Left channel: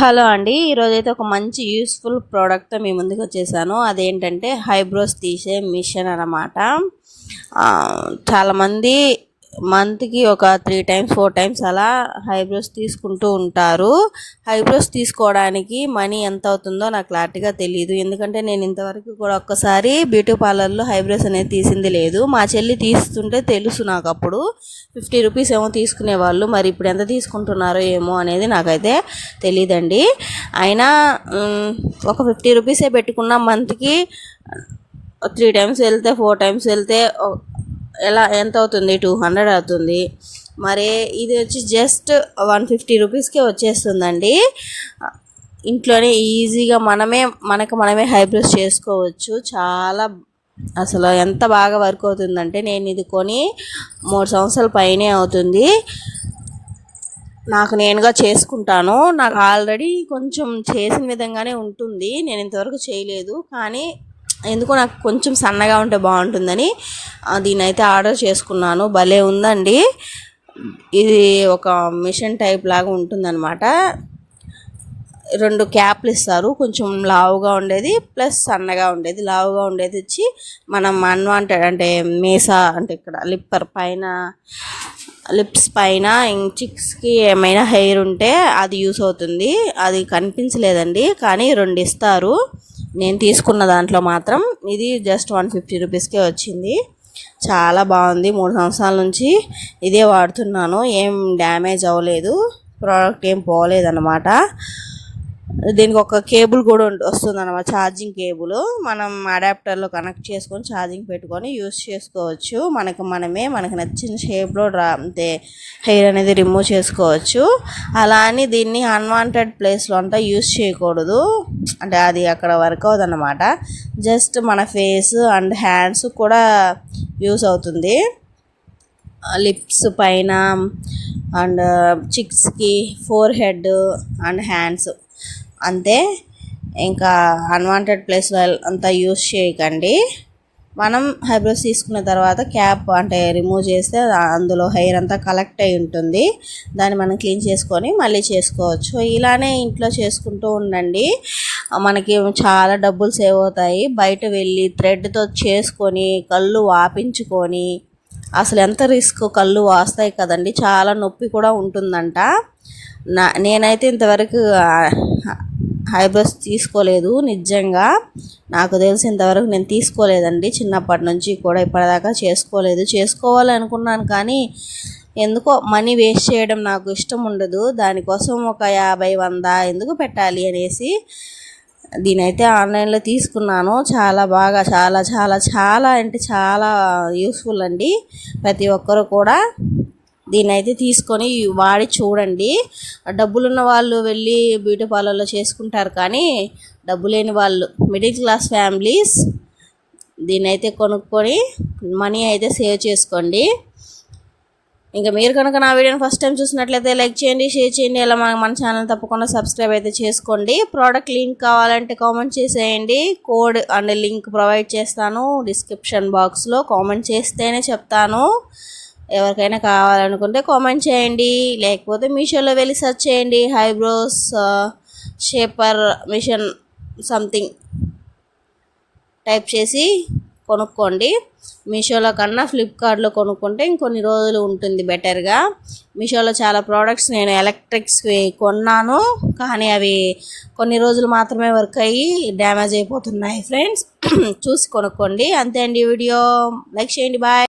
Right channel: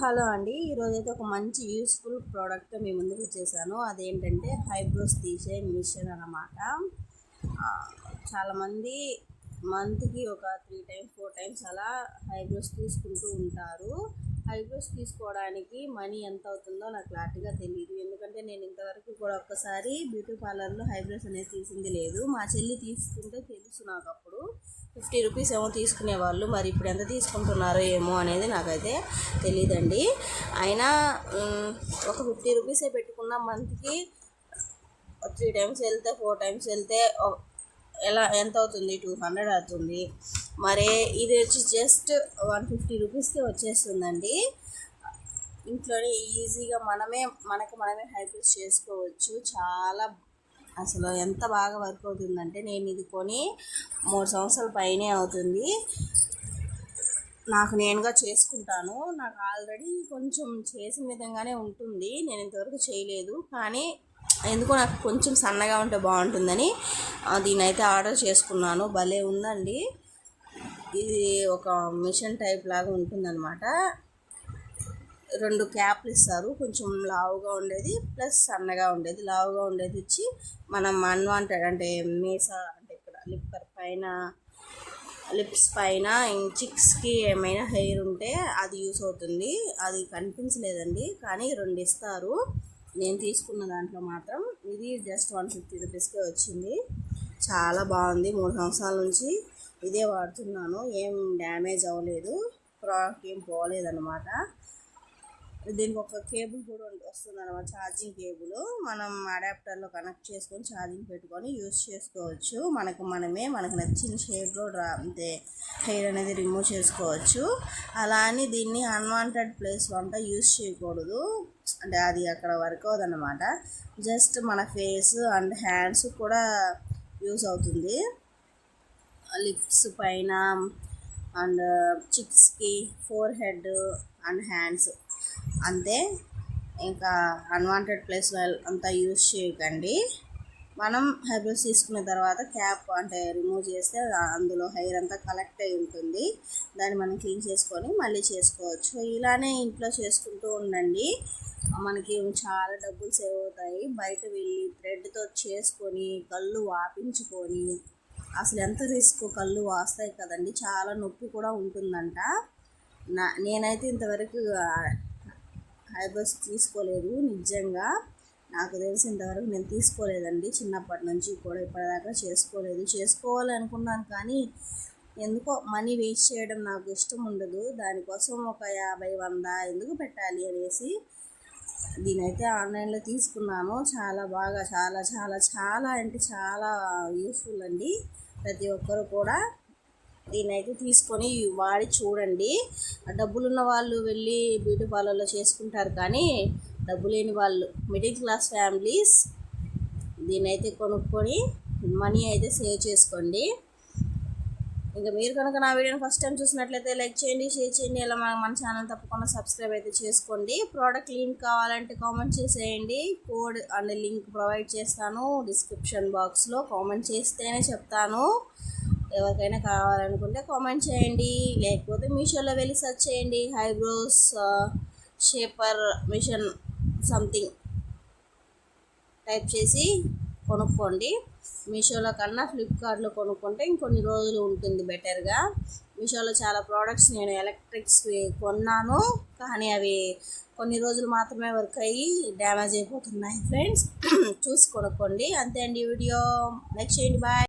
Hello అండి, ఈరోజైతే ఒక మంచి యూస్ఫుల్ ప్రోడక్ట్తో మీ ముందుకు వచ్చేసాను. అదేంటంటే హైబ్రోస్ తీసే మిషన్ అన్నమాట. చాలామంది మంత్కి ఒక 3 times 4 times అలా హైబ్రోస్ తీసుకుంటూ ఉంటారు. హైబ్రోస్ తీసుకోవడానికి మనీ ఎంత అవుతుందో నాకు క్లారిటీగా తెలియదు, ఎందుకంటే నేను ఇంతవరకు కూడా ఒక్కసారి బ్యూటీ పార్లర్లో హైబ్రోస్ అనేది తీసింది లేదు. మా చెల్లి తీస్తుంటే తెలుసు నాకు. అప్పుడు 50 రూపీస్ ఏమో తీసుకునేవాళ్ళు, మరి ఇప్పుడు ఎంత తీసుకుంటున్నారో ఏమో అనేది నాకైతే తెలియదండి. అయినా ఒక 50 రూపీసే పెట్టుకున్న మంత్కి 3 times వెళ్తే 4 times వెళ్తే ఎలా ఎంత అవుతుంది? 200 అవుతుంది. మరి ఇది వచ్చి జస్ట్ 150 రూపీస్కే వచ్చేస్తుందండి. ఇంట్లోనే ఈజీగా మనమే హైబ్రోస్ చేసుకోవచ్చు. చాలా అసలు ఎంత బాగా వర్క్ అవుతుందంటే, నేను ఇది కొని 3 సంవత్సరాల పైనే అవుతుంది. నాకు నేనుగా చేసుకుంటాను. నాకు ఆల్రెడీ కొంచెం చేసిన విధంగానే ఉంటుంది, నేను ఇంతవరకు చేయలేదు. కానీ ఎందుకో నాకు కొంచెం సన్నగా ఉంటే బాగుంటుందని దీని అయితే ఆర్డర్ చేసుకున్నాను. భలే ఉందండి. ఇది ఒక మిషన్ టైప్ లాగా ఉంటుందన్నమాట. 2 క్యాప్లు ఇస్తారు, కొంచెం లావుగా ఉండేది ప్లస్ సన్నగా ఉండేది. లావుగా ఉండేది వచ్చి మనం అన్వాంటెడ్ అంటే మీసా అంటే ఇక్కడ లిప్స్ పైన చిక్స్కి ఏమైనా హెయిర్ ఉంటే అది యూస్ అవుతుంది. అది కనిపించలేదండి, కానీ 2 ఇస్తారు. నేను తీసుకున్న దాంట్లో మాత్రం ఇది జస్ట్ 150 రూపీస్కే వచ్చింది. చాలా బాగుంది. 3 సంవత్సరాల నుంచి ఇదే వాడుతున్నాను. ఏం డ్యామేజ్ అవ్వలేదు, ప్రోడక్ట్ ఏం పోలేదన్నమాట. దీనికి ఒక కేబుల్ కూడా వస్తుంది అన్నమాట, ఛార్జింగ్ కేబుల్. మనం అడాప్టర్లో కనెక్ట్ చేసుకొని ఛార్జింగ్ పెట్టుకొని యూస్ చేసుకోవచ్చు. మనకు నచ్చిన షేప్లో అంటే హెయిర్ అనేది రిమూవ్ చేసుకోవచ్చు. అలా అని దీన్ని అన్వాంటెడ్ ప్లేస్లో అంతా యూస్ చేయకూడదు, అంటే అది అక్కడ వర్క్ అవుతుందన్నమాట. జస్ట్ మన ఫేస్ అండ్ హ్యాండ్స్ కూడా యూస్ అవుతుంది. లిప్స్ పైన అండ్ చిక్స్కి, ఫోర్ హెడ్ అండ్ హ్యాండ్స్ అంతే. ఇంకా అన్వాంటెడ్ ప్లేస్లో అంతా యూస్ చేయకండి. మనం హైబ్రోస్ తీసుకున్న తర్వాత క్యాప్ అంటే రిమూవ్ చేస్తే అందులో హెయిర్ అంతా కలెక్ట్ అయి ఉంటుంది. దాన్ని మనం క్లీన్ చేసుకొని మళ్ళీ చేసుకోవచ్చు. ఇలానే ఇంట్లో చేసుకుంటూ ఉండండి, మనకి చాలా డబ్బులు సేవ్ అవుతాయి. బయట వెళ్ళి థ్రెడ్తో చేసుకొని కళ్ళు వాపించుకొని అసలు ఎంత రిస్క్, కళ్ళు వాస్తాయి కదండి, చాలా నొప్పి కూడా ఉంటుందంట. నేనైతే ఇంతవరకు హైబ్రోస్ తీసుకోలేదు, నిజంగా నాకు తెలిసి ఇంతవరకు నేను తీసుకోలేదండి. చిన్నప్పటి నుంచి కూడా ఇప్పటిదాకా చేసుకోవాలనుకున్నాను, కానీ ఎందుకో మనీ వేస్ట్ చేయడం నాకు ఇష్టం ఉండదు. దానికోసం ఒక 50-100 ఎందుకు పెట్టాలి అనేసి దీనైతే ఆన్లైన్లో తీసుకున్నాను. చాలా బాగా చాలా చాలా చాలా అంటే చాలా యూస్ఫుల్ అండి. ప్రతి ఒక్కరు కూడా దీనైతే తీసుకొని వాడి చూడండి. డబ్బులున్న వాళ్ళు వెళ్ళి బ్యూటీ పార్లర్లో చేసుకుంటారు, కానీ డబ్బు లేని వాళ్ళు, మిడిల్ క్లాస్ ఫ్యామిలీస్ దీనైతే కొనుక్కొని మనీ అయితే సేవ్ చేసుకోండి. ఇంకా మీరు కనుక నా వీడియోని ఫస్ట్ టైం చూసినట్లయితే లైక్ చేయండి, షేర్ చేయండి. అలా మన ఛానల్ తప్పకుండా సబ్స్క్రైబ్ అయితే చేసుకోండి. ప్రోడక్ట్ లింక్ కావాలంటే కామెంట్ చేసేయండి. కోడ్ అండ్ లింక్ ప్రొవైడ్ చేస్తాను డిస్క్రిప్షన్ బాక్స్లో. కామెంట్ చేస్తేనే చెప్తాను. ఎవరికైనా కావాలనుకుంటే కామెంట్ చేయండి, లేకపోతే మీషోలో వెళ్ళి సెర్చ్ చేయండి. Eyebrows shaper machine something type చేసి కొనుక్కోండి. మీషోలో కన్నా ఫ్లిప్కార్ట్లో కొనుక్కుంటే ఇంకొన్ని రోజులు ఉంటుంది బెటర్గా. మీషోలో చాలా ప్రోడక్ట్స్ నేను ఎలక్ట్రిక్స్వి కొన్నాను, కానీ అవి కొన్ని రోజులు మాత్రమే వర్క్ అయ్యి డ్యామేజ్ అయిపోతున్నాయి ఫ్రెండ్స్. చూసి కొనుక్కోండి. అంతే అండి వీడియో. లైక్ చేయండి. బాయ్.